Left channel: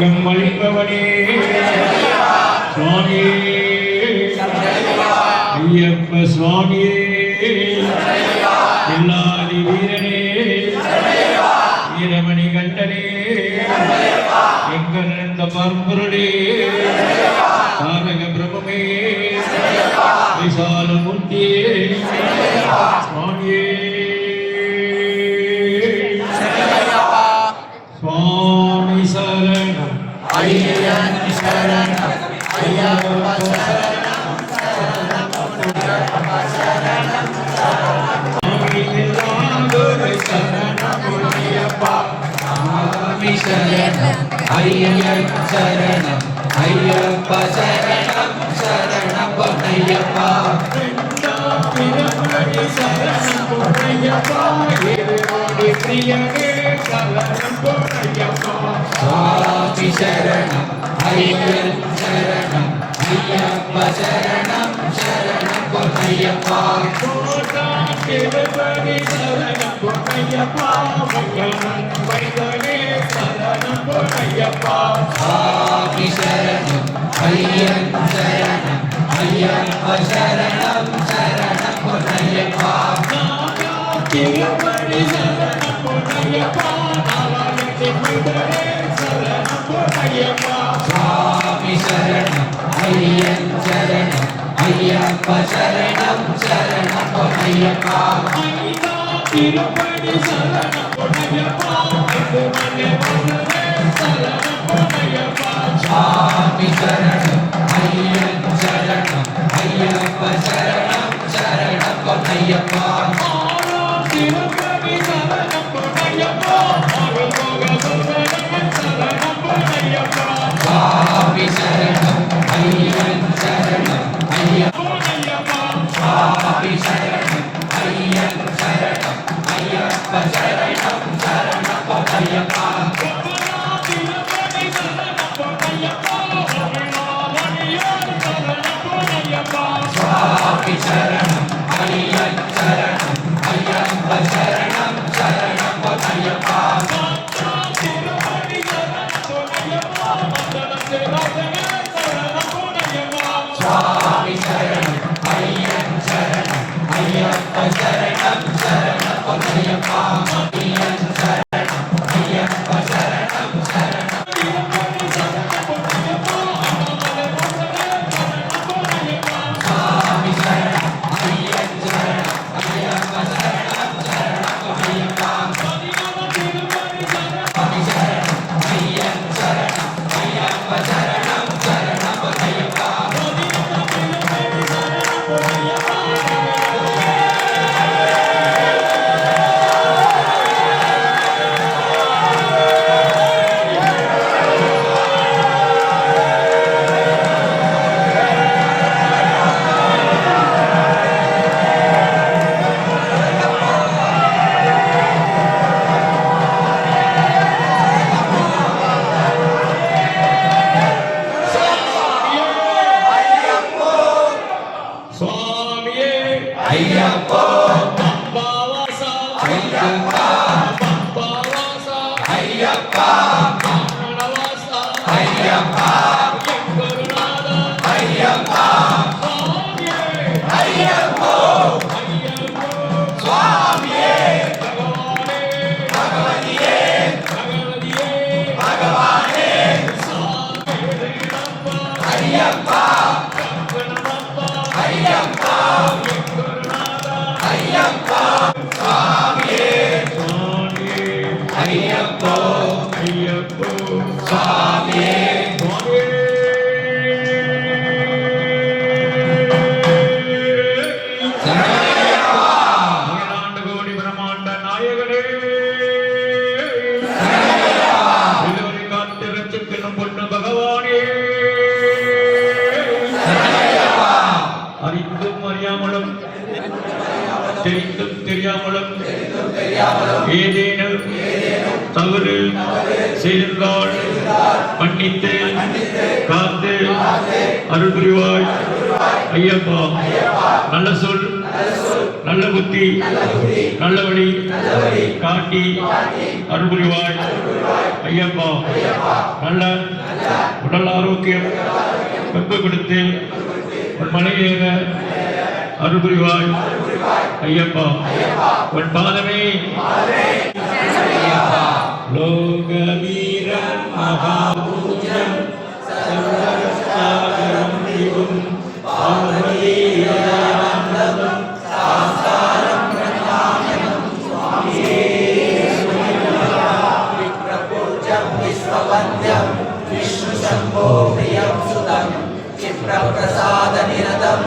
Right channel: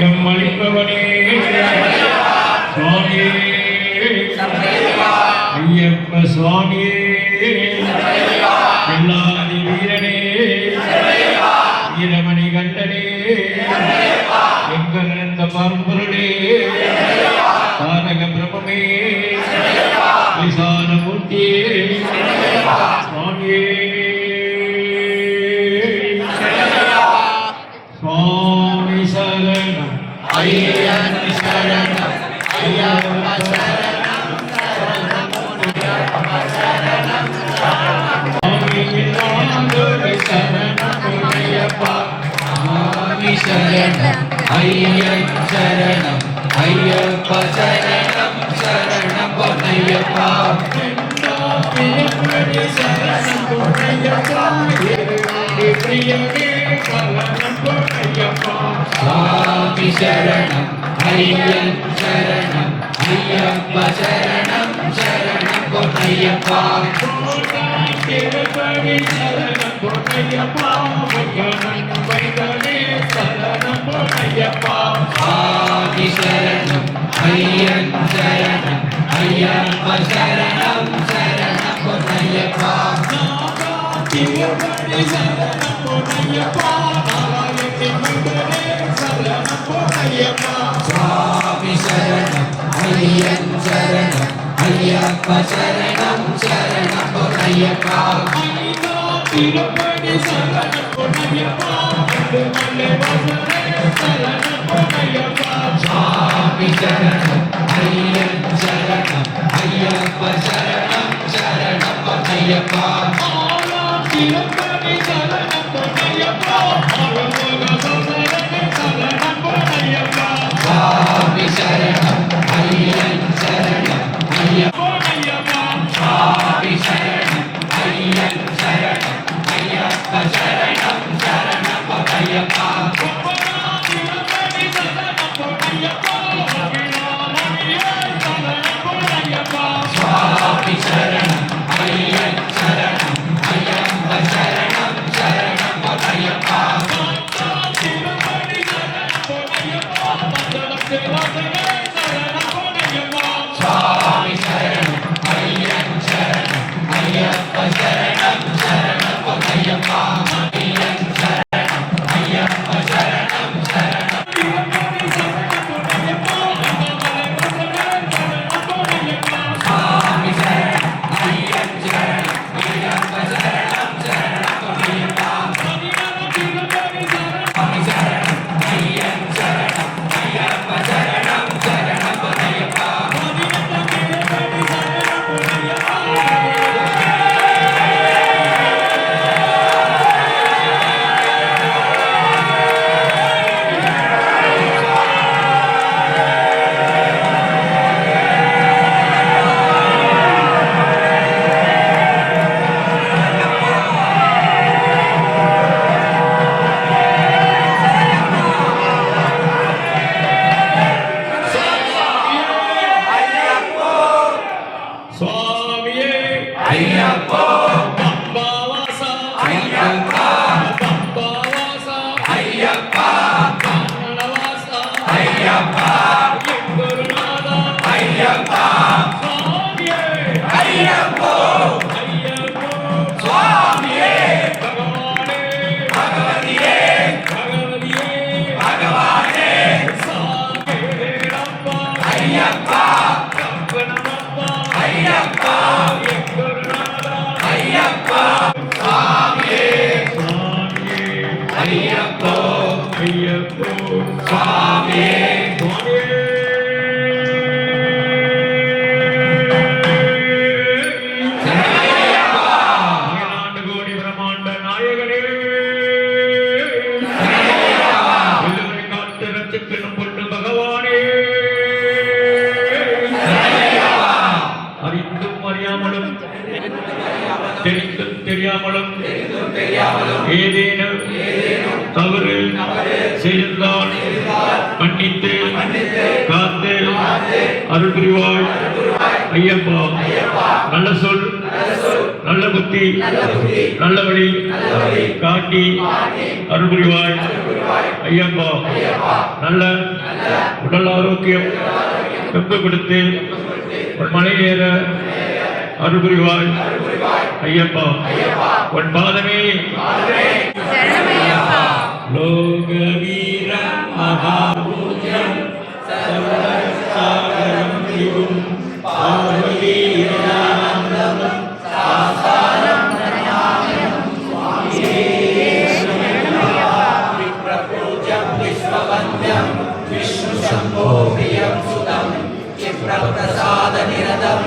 எங்கம் அளிப்பவனே சுவாமியே ஐயப்ப சுவாமியே எல்லாதி வீரனே வீரமணி கண்டனே எங்கிருந்த பரம்பொருளே சாதக பிரபுமே விசால மூர்த்தியே சுவாமியே சுவாமி சரணம் ஐயன் சரணம் ஐயப்ப சரணம் சுவாமி எல்லாரோடு சரணம் ஐயப்பா சுவாமி சரணம் ஐயன் சரணம் ஐயப்ப சரணம் சரணம் பொன்னையப்பா சரணம் பொன்னையப்பா பிரியனே சரணம் பொன்னையப்பா சுவாமி சரணம் ஐயன் சரணம் ஐயப்ப சரணம் சரணம் பொன்னையப்பா திருப்பதி சரணம் பொன்னையப்பா முகனன் வைதனே சரணம் பொன்னையப்பா சுவாமி சரணம் ஐயன் சரணம் ஐயப்ப சரணம் சரணம் பொன்னையப்பா திருப்பதி சரணம் பொன்னையப்பா நாராயணன் வைதனே சரணம் பொன்னையப்பா சுவாமி சரணம் ஐயன் சரணம் ஐயப்ப சரணம் சரணம் பொன்னையப்பா திருப்பதி சரணம் பொன்னையப்பா சரணம் பொன்னையப்பா சுவாமி சரணம் ஐயன் சரணம் ஐயப்ப சரணம் சரணம் பொன்னையப்பா திருப்பதி சரணம் பொன்னையப்பா சரணம் பொன்னையப்பா சுவாமி சரணம் ஐயன் சரணம் ஐயப்பா சுவாமி சரணம் ஐயன் சரணம் ஐயப்ப சரணம் சரணம் பொன்னையப்பா சுவாமி சரணம் ஐயன் சரணம் ஐயப்ப சரணம் சரணம் பொன்னையப்பா சுவாமி சரணம் ஐயன் சரணம் ஐயப்ப சரணம் சரணம் பொன்னையப்பா ஐயன் சரணம் ஐயப்ப சரணம் சரணம் சுவாமி சரணம் ஐயன் சரணம் ஐயப்ப சரணம் சரணம் பொன்னையப்பா சுவாமி சரணம் ஐயன் சரணம் ஐயப்ப சரணம் சரணம் பொன்னையப்பா சுவாமியே ஐயப்பா பம்பாவாசா ஐயப்பா பம்பாவாசா ஐயப்பா பம்பாவாசா ஐயப்பா குருநாதா ஐயப்பா சுவாமியே ஐயப்பா ஐயப்பா சுவாமியே பகவானே பகவதியே பகவதியே பகவானே சாமியே ரப்பா ஐயப்பா ஐயப்பா ஐயப்பா சுவாமியே சுவாமியே ஐயப்பா ஐயப்பா சுவாமியே அகிலாண்டு கோடி பிரம்மாண்ட நாயகனே எல்லோரை காத்து ரட்சிக்கணும் பொண்ணு பகவானே அறிந்தும் அறியாமலும் தெரிந்தும் தெரியாமலும் ஏதேனும் தவறு செய்திருந்தால் மன்னித்து காத்து அருள் புரிவாய் ஐயப்பா. நல்ல சொல் நல்ல புத்தி நல்ல வழி காட்டி அருள் புரிவாய் ஐயப்பா. நல்ல உடல் ஆரோக்கியம் எம்பு கொடுத்து மலை ஏற அருள் புரிவாய் ஐயப்பா. உன் பாதமே லோகவீரம் மகாபூஜம் சர்வசாகரம் விபும் பாவலீலானந்தம் சாஸ்தாரம் பிரணாமயம் சுவாமியே விப்ரபூஜம் விஸ்வவந்தியம் விஷ்ணு சம்போ பிரியம் சுதம் விப்ரபிரசாத நிரதம்